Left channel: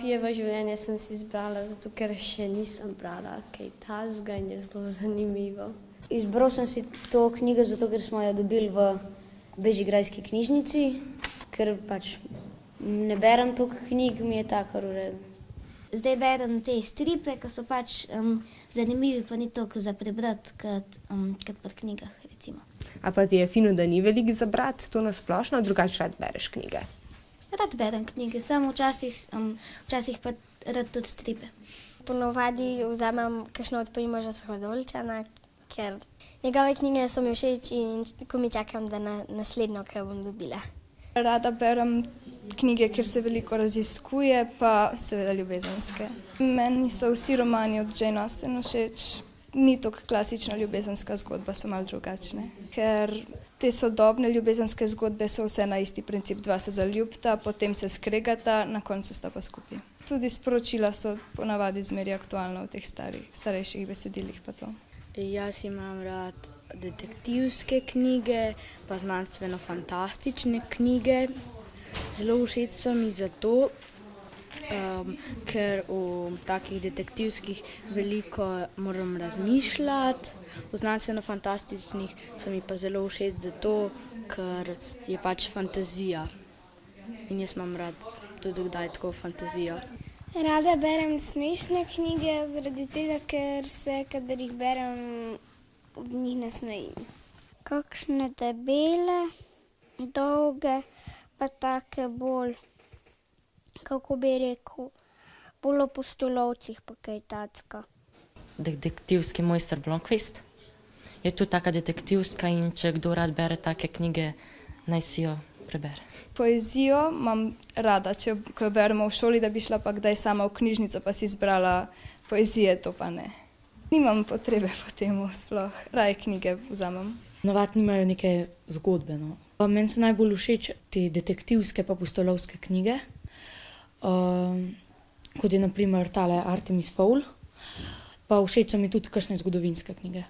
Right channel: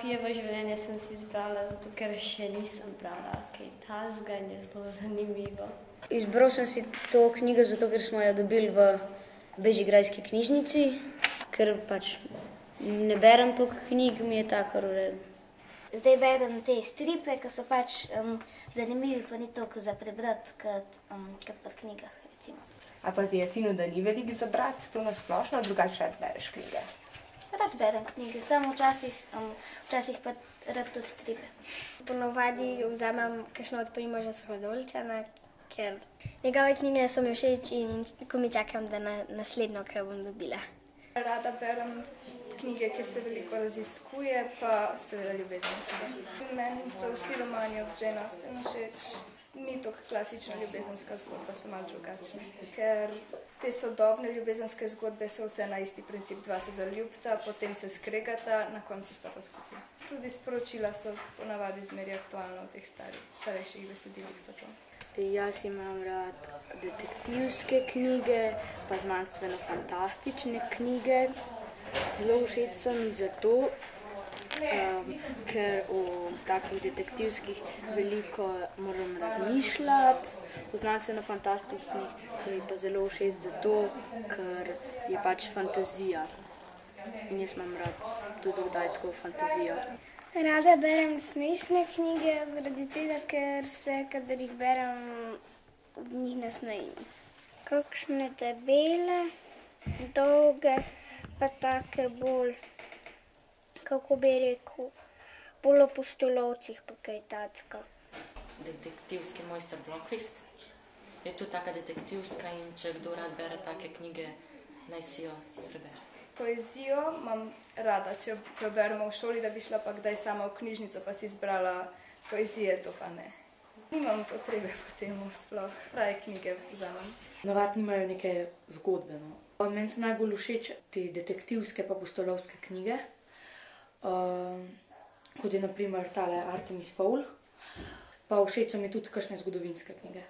Pijevo življenje sem si izbrala, zato ker še nisem brala kaj takega in je zelo zanimivo. Izbral sem si to knjigo zato, ker smo jo dobili v bežigrajski knjižnici, ker pač ne berem toliko knjig, mi je tako v redu. Zdaj berem te stripe, ki so pač zanimivi, pa ni toliko za prebrati, kot v knjigah, recimo. A pa ti je fino, da ni veliko za brati, to na splošno, drugače rad bereš knjige? Rad berem knjige, samo včasih pa rad tudi stripe. Ponovadi vzamem kakšno od Primoža Suhorolčana, ker njegove knjige so mi všeč in ko mi čakam, da naslednjo, kar bom dobila. Rada berem knjige, kjer se veliko raziskuje, pa seveda ljubezenske. Meni so vsi romani od Jane Austen všeč. Ni toliko klasična ljubezenska zgodba, so malo drugačne. Ker te sodobne ljubezenske zgodbe so vse na isti princip. Dva se zaljubita, potem se skregata, na koncu sta pa skupaj. Tudi sporočila so ponavadi zmeraj aktualna v teh starejših besedilih pa to. Jaz imam rad detektivske knjige, pa znanstveno-fantastične knjige. Zelo všeč so mi zato, ker v takih detektivskih veliko moram razmišljati, v znanstveno-fantastičnih so mi pa zelo všeč zato, ker je pač fantazija in jaz imam rad tudi kdaj tako fantazijo. Rada berem smešne knjige, zaradi tega, ker se, kadar jih berem, v njih nasmejim. Kakšne debele, dolge, pa take bolj, kako bi rekel, bolj o pustolovcih pa kaj tacka. Detektivski mojster Blomkvist. Je tudi taka detektivska in če kdo rad bere take knjige, naj si jo prebere. Poezijo imam rada, ko jo beremo v šoli, da bi šla pa kdaj sama v knjižnico pa si izbrala poezije, to pa ne. Nimam potrebe po temu sploh, raje knjige vzamem. Navadno imajo neke zgodbe, no. Meni so najbolj všeč te detektivske pa pustolovske knjige, kot je na primer tale Artemis Fowl, pa všeč so mi tudi kakšne zgodovinske knjige.